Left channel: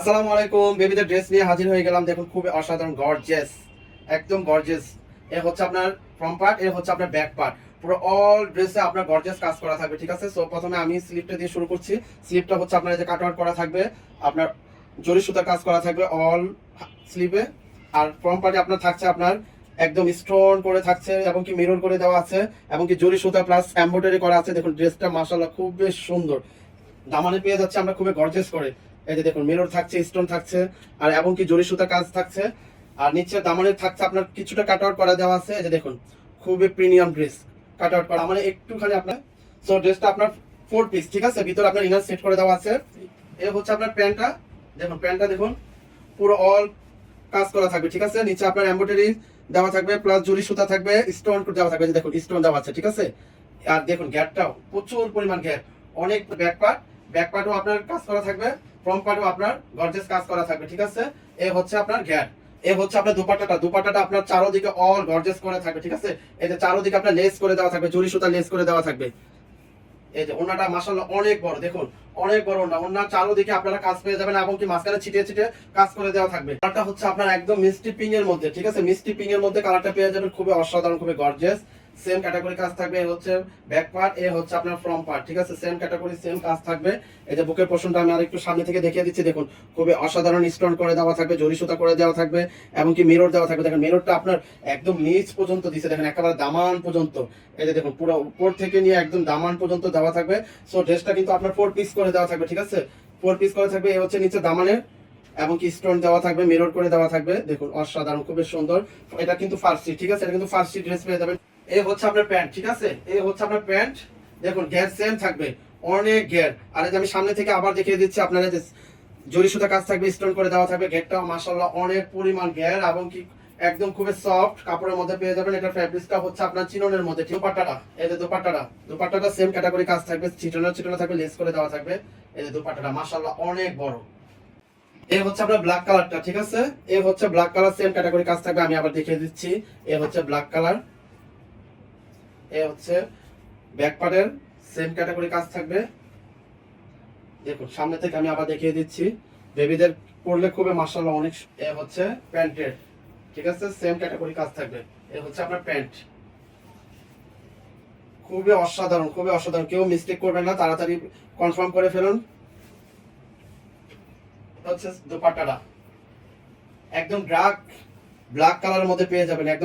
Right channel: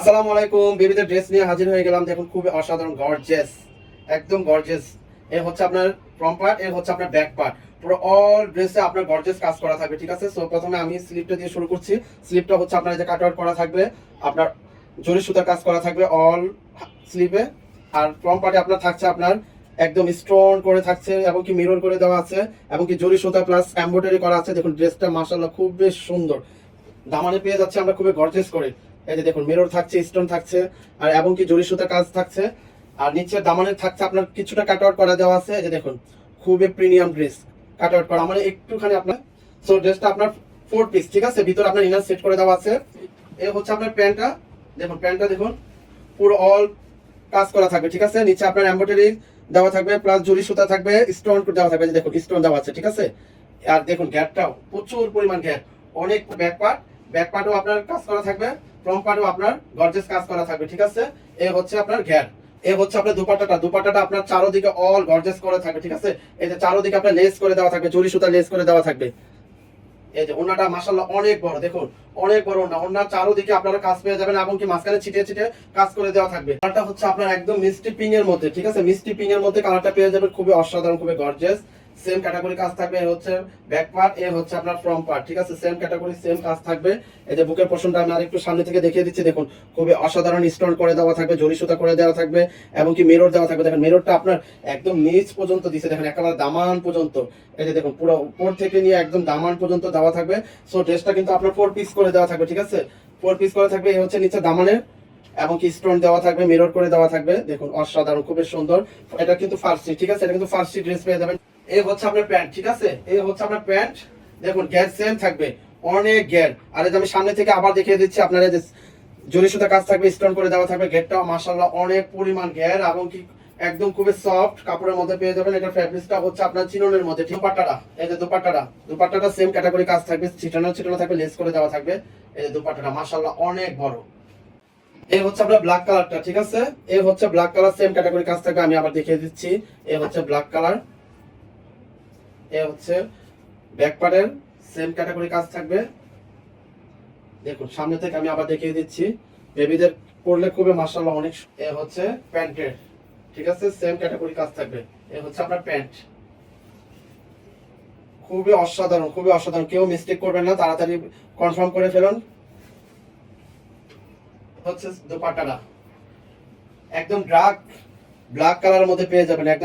আসসালামু আলাইকুম। বেবিদের ড্রেস নিয়ে হাজির হয়ে গেলাম। দেখুন খুবই অসাধারণ গর্জিয়াস, একদম গর্জিয়াস। এ হচ্ছে আপনার ফ্রন্ট পার্ট, এ হচ্ছে আপনার ব্যাক পার্ট। পুরো অল ড্রেসে আপনার গর্জিয়াস কাজ করা থাকবে, ঠিক আছে। সো প্রথমে আমি স্লিপটা দিয়ে শুরু করছি। স্লিপটা হচ্ছে আপনার এই যে কাট আউট করা থাকবে, আপনার জরি সুতার কাজ করা থাকবে অল স্লিপে। আর ফ্রন্ট পার্টে আপনার থাকছে আপনার একদম স্টোন করে থাকছে এবং কি মিরর করে দেওয়া আছে এবং কি জরি সুতা প্লাস এমব্রয়ডারি করা আছে। দেখুন ড্রেসটা মাশাআল্লাহ খুব বেশ সুন্দর। দামানে পেয়ে যাচ্ছে আমরা খুবই গর্জিয়াস করে। এই যে দেখুন মিরর থাকছে, স্টোন থাকছে আর এবং কি জরি সুতা কাজ থাকছে। আর নিচে দামানে থাকছে আপনার কিছুটা কাট আউট করা দেওয়া আছে। এই যে দেখুন খুবই প্রিমিয়াম ড্রেস, কাট আউট করা মানে একটুখানি আপনার। সো ড্রেসটা আপনার 4 পিস, ঠিক আছে। ভিতরে আপনার ইনার সেট করে দেওয়া আছে। এই হচ্ছে আপনার প্যান্টটা। দেখুন প্যান্টটা দেখুন পুরো অল কাজ করা থাকবে, ঠিক আছে। নিচে আপনার এমব্রয়ডারি দেওয়া থাকবে প্লাস জরি সুতা থাকবে, স্টোন দেওয়া থাকবে। এই যে দেখুন স্টোন দেওয়া আছে, ঠিক আছে। আর দেখুন গ্যাপটাও প্রচুর পরিমাণ গ্যাপ, অনেক ব্যাক পার্টও আপনার কাজ করা থাকবে, ফ্রন্ট পার্টও আপনার গর্জিয়াস কাজ করা থাকবে, ঠিক আছে। এ হচ্ছে আপনার গ্যাপ। এ হচ্ছে আপনার দুপাট্টাটা আপনার চারোদিকে অল গর্জিয়াস করে থাকবে, ঠিক আছে। এই যে চারোদিকে আপনার লেস করে দেওয়া থাকবে, জরি সুতা লেস করে দেওয়া থাকবে। এই যে ওন্নাটা মাশাআল্লাহ অনেক বড়, দেখুন অনেক বড় ওন্না। ওন্নার চারোদিকে আপনারা কাজ পেয়ে যাবেন এবং কি মাঝখানে ছিটিয়ে ছিটিয়ে কাজ করে দেওয়া থাকবে। কালারটা হচ্ছে আপনার একদম মিষ্টি পিঙ্ক এর মধ্যে, ঠিক আছে। মিষ্টি পিঙ্ক এর মধ্যে কালারটা পেয়ে যাবেন, খুবই অসাধারণ, খুবই গর্জিয়াস। সেম ক্যাটাগরি কাজ থাকবে। এ হচ্ছে ব্যাক পার্ট, এ হচ্ছে আপনার ফ্রন্ট পার্ট, ঠিক আছে। সেম ক্যাটাগরি সেম কাজ থাকবে। এই যে বুকের পোরশনটা আমি আরেকটু সামনে থেকে দেখিয়ে দিচ্ছি। দেখুন খুবই অসাধারণ স্টোন করে দেওয়া থাকবে, জরি সুতা করে দেওয়া থাকবে এবং কি মিরর দেওয়া থাকবে। দেখেন মিররটা আপনার একদম নিচ পর্যন্ত দিছে, দেখেন একেবারে দামান পর্যন্ত। এই যে দেখুন পুরো উপর থেকে নিয়ে একদম দামান পর্যন্ত দেওয়া থাকবে। সো ড্রেসটা কিন্তু আপনার 4 পিস করে দেওয়া থাকবে, ঠিক আছে। 4 পিস করে থাকবে। এই হচ্ছে নিচে দামানের এবং কি স্টোন দেওয়া থাকবে, মিরর করে দেওয়া থাকবে। দেখুন অসাধারণ, খুবই সুন্দর। এটা কিন্তু ফার্সি, ঠিক আছে। এটা কিন্তু ফার্সি ড্রেস পেয়ে যাবেন। এ হচ্ছে আপনার প্যান্ট, ঠিক আছে। এ হচ্ছে আপনার প্যান্ট। দেখুন গ্যার সেম থাকবে, অনেক গ্যার। আর এই যে আমি সামনে থেকে আবার দেখিয়ে দিচ্ছি আপনারা, যে জরি সুতা কাজ থাকবে, স্টোন করে দেওয়া থাকবে। ঘেরটাও মাশাআল্লাহ অনেক পরিমাণ ঘের এবং কি একদম খুবই সফট কাপড়ের মধ্যে পেয়ে যাবেন। এটা ফ্যাব্রিকটা হচ্ছে আপনার চিননের মধ্যে। দুপাট্টাটা, এই যে দুপাট্টাটা সেম ক্যাটাগরি কাজ থাকবে, ছিটানো থাকবে, লেস করে দেওয়া থাকবে। এই যে দুপাট্টাটা মাশাআল্লাহ অনেক বড়। এই হচ্ছে আপনার ব্ল্যাক কালারটা, ঠিক আছে। এই হচ্ছে ব্ল্যাক কালার, সেম ক্যাটাগরি কাজ থাকবে। আমি আবার দেখিয়ে দিচ্ছি। এই হচ্ছে ব্ল্যাক কালার। এই হচ্ছে ব্যাক পার্টের সেম ক্যাটাগরি কাজ থাকবে। দেখুন সামনে থেকে আমি আবার দেখিয়ে দিচ্ছি। বেবিদের পরলে খুবই মাশাআল্লাহ অনেক। এ হচ্ছে প্যান্টের, ঠিক আছে। সেম ক্যাটাগরি কাজ থাকবে। এ হচ্ছে আপনার প্যান্ট। খুবই অসাধারণ, খুবই অসাধারণ। কেউ মিস্টেক করবেন না, তাড়াতাড়ি কনফার্ম করে ফেলুন। হচ্ছে দোপাট্টাটা একদম ব্ল্যাক কালারের মধ্যে পেয়ে যাবেন, একদম